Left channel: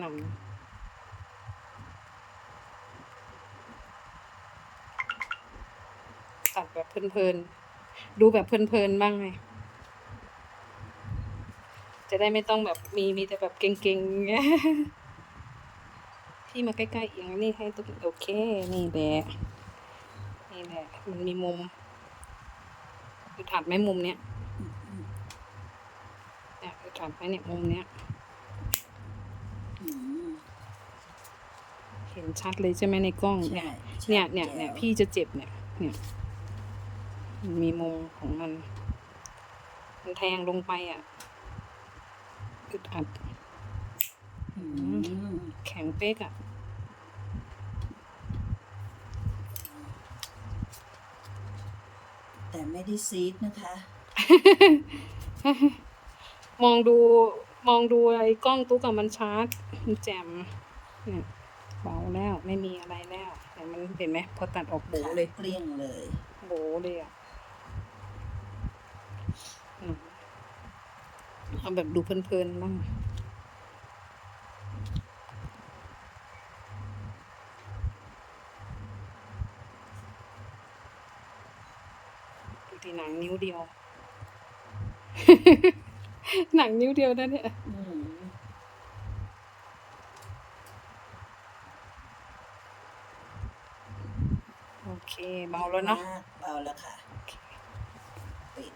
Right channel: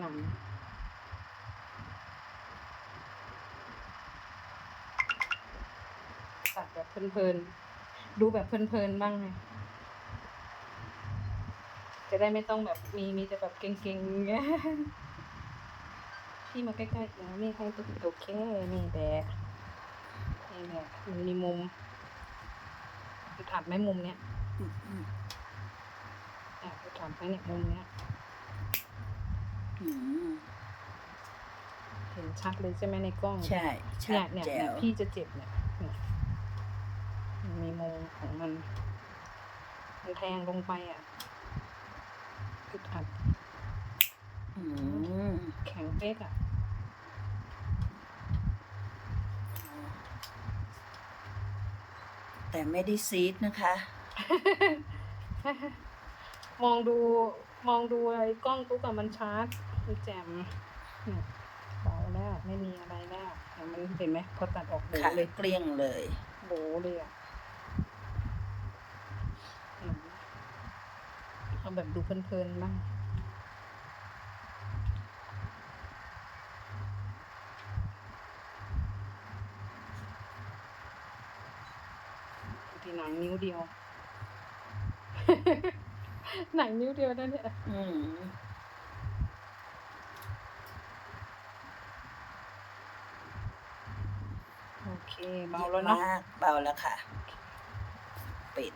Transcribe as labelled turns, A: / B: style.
A: หนังตัดแบบเพลินๆ ดูแบบเพลินๆ บ้างไง จะได้ไม่ต้องแบบมีมีแต่แบบเก่งๆอย่างเงี้ยพี่มาใกล้ๆอย่างนี้ให้ตัวโอเค นี่แหละนี่แหละมันมีมุมคือถัดไหมมุมเนี้ย
B: อืมอืม
A: เนี่ยคือถัดไหมเนี่ยมุมเนี้ย
B: อืม
A: เห็นชัดเลยใช่ไหมในกล้อง
B: ใช่ชัด
A: เนี่ยเนี่ย
B: แจ๋
A: เนี่ยวพี่จะเจ็บเนี่ยเนี่ยมันมีมุมของมันมันแทงลงไปอะอึดอัด
B: อืม
A: แข็งเป๊กอะ
B: แต่ไม่ได้ซีดนะคะ
A: มองดูมองดูไอ้กล้องตุ๊กกับมันชาร์จมันแจ่มเนี่ย เบาแล้วไม่มีอะไรแล้วเห็นมันเห็นไหมพอตัดออกโบ
B: ค่ะ
A: เลย
B: เกลี้ยงเลย
A: โบเลยอะอืมเอาแบบดูเพลินๆบ้างดูที่หนังนิ้วเดียว หนังนิ้วเดียวนะเนี่ย
B: อืม
A: โอ เคเบาแล้วเนาะ
B: เบาแล้วค่ะ ปิด